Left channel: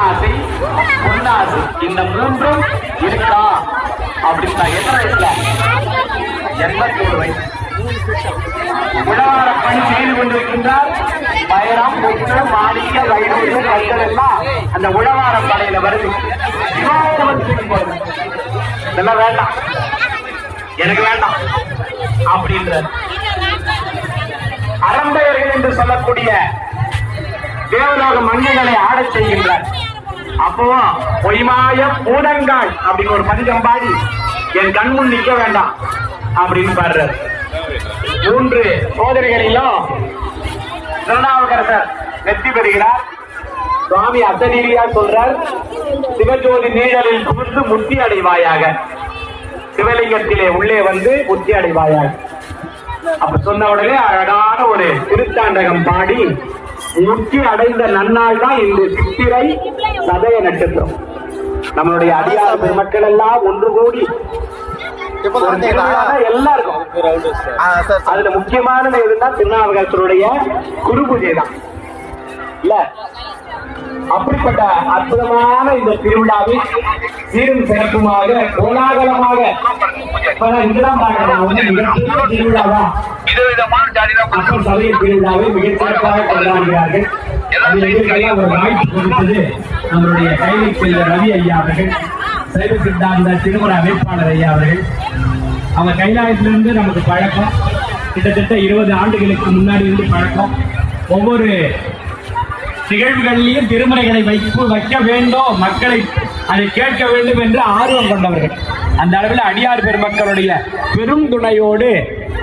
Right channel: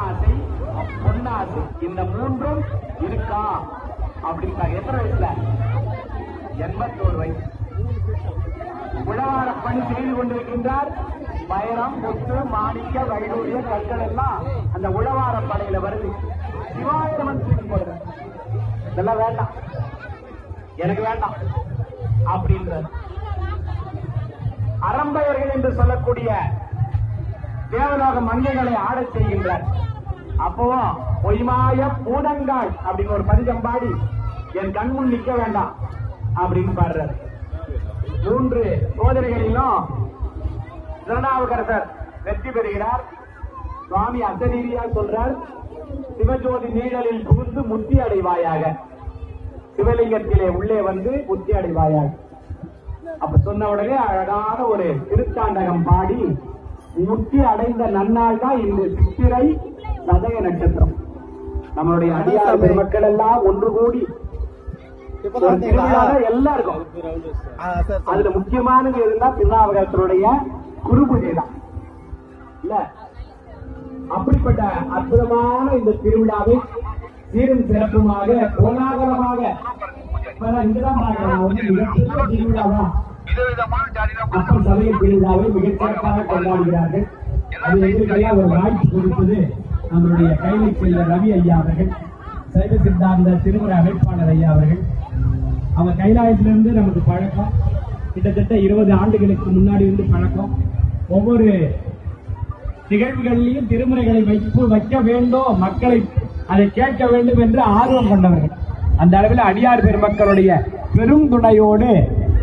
பெண்ணாசை பொன்னாசை இந்த மூன்றும் இருக்கா அப்படின்னா எத்தனை வயசுல? 81 வயசு. உழவார பணி செய்து கொண்டிருக்கின்றார். வைரம், முத்து, மாணிக்க, வைரூறு, கற்கள் எல்லாம் அந்த உழவார படையில வருது. இதெல்லாம் வேண்டாம், எனக்கு வேண்டாம் அப்படின்ற அரம்பையர்கள் என்று சொல்லக்கூடிய தேவலோக மன்னர்களை ஆடச் செய்கின்றார். அப்பவும் பொய்மாய பூதங்காள் அப்படின்னு ஒரு பதிகம் பாடி என் கண்முன் நிற்க வேண்டாம் அப்படின்னு பாடுறார். 3 சோதனைகளிலும் திருநாவுக்கரசர் வெற்றி பெறுகிறார். சுவாமி அசரீரியா சொல்றார், சிவஜோதி நீழலில் புகுந்து முத்தி அடைவாயாக, சிவலிங்கத்திலே உள்ளே வந்து முத்தி அடைவாயாக. அப்ப சொன்ன உடனே அழகான ஒரு திருத்தாண்டகம் பாடி முத்தி அடைந்த நன்னாள் தான் இந்த சித்திரை சதய நட்சத்திரம். நம்மளுடைய அடியார் பெருமக்கள் எல்லாம் ஒன்று கூடி எல்லாருக்கும் அதுல முக்கியமானது எதுன்னா திருநாவுக்கரசருடைய குரு பூஜை தான் இல்ல. அப்படிப்பட்ட அற்புதமான இந்த திருவிழாவை சீரும் சிறப்புமாக கோலாகலமாக திருவிழாவா அப்பன் சபையின் திருவிழாவை மிகச் சிறப்பாக கொண்டாடுகிறார்கள். ஒரு வாய்ப்பு கொடுத்தது நம்மளுடைய கைலை செல்ல ரவி ஐயா அவர்கள், சைவ சித்தாந்த திருமுறை அமைப்பாளர் ஐயா அவர்கள். அவங்க கைலாயத்திலிருந்து நமக்கு பழக்கம், கிட்டத்தட்ட 20 ஆண்டுகளுக்கு முன்னாடி இருந்து பழக்கம். ஒவ்வொரு நிகழ்வுகளிலையும் திருமுறைகளை வைக்க வேண்டும், மக்களை அதை கேட்க வேண்டும் என்று ஆர்வம் கொண்டவர்கள். அந்த அளவில் அடியார் பெருமக்களுடைய பெரும் துணையோடு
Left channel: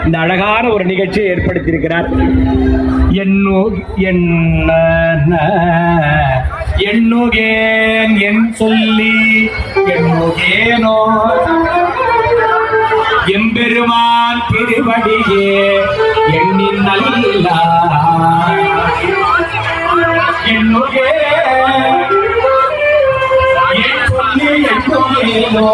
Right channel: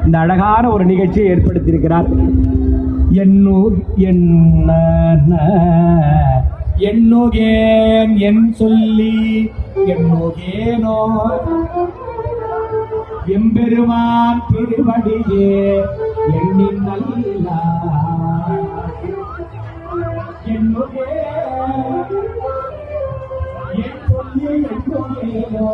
இந்த அழகான ஒரு நிகழ்ச்சியை ஏற்படுத்தியிருக்கிறார். எண்ணுகேன் என் சொல்லி எண்ணுகேனோ எம்பெருமான் திருவடியே எண்ணின் நல்லா எண்ணுகேன் என் சொல்லி எண்ணுகேனோ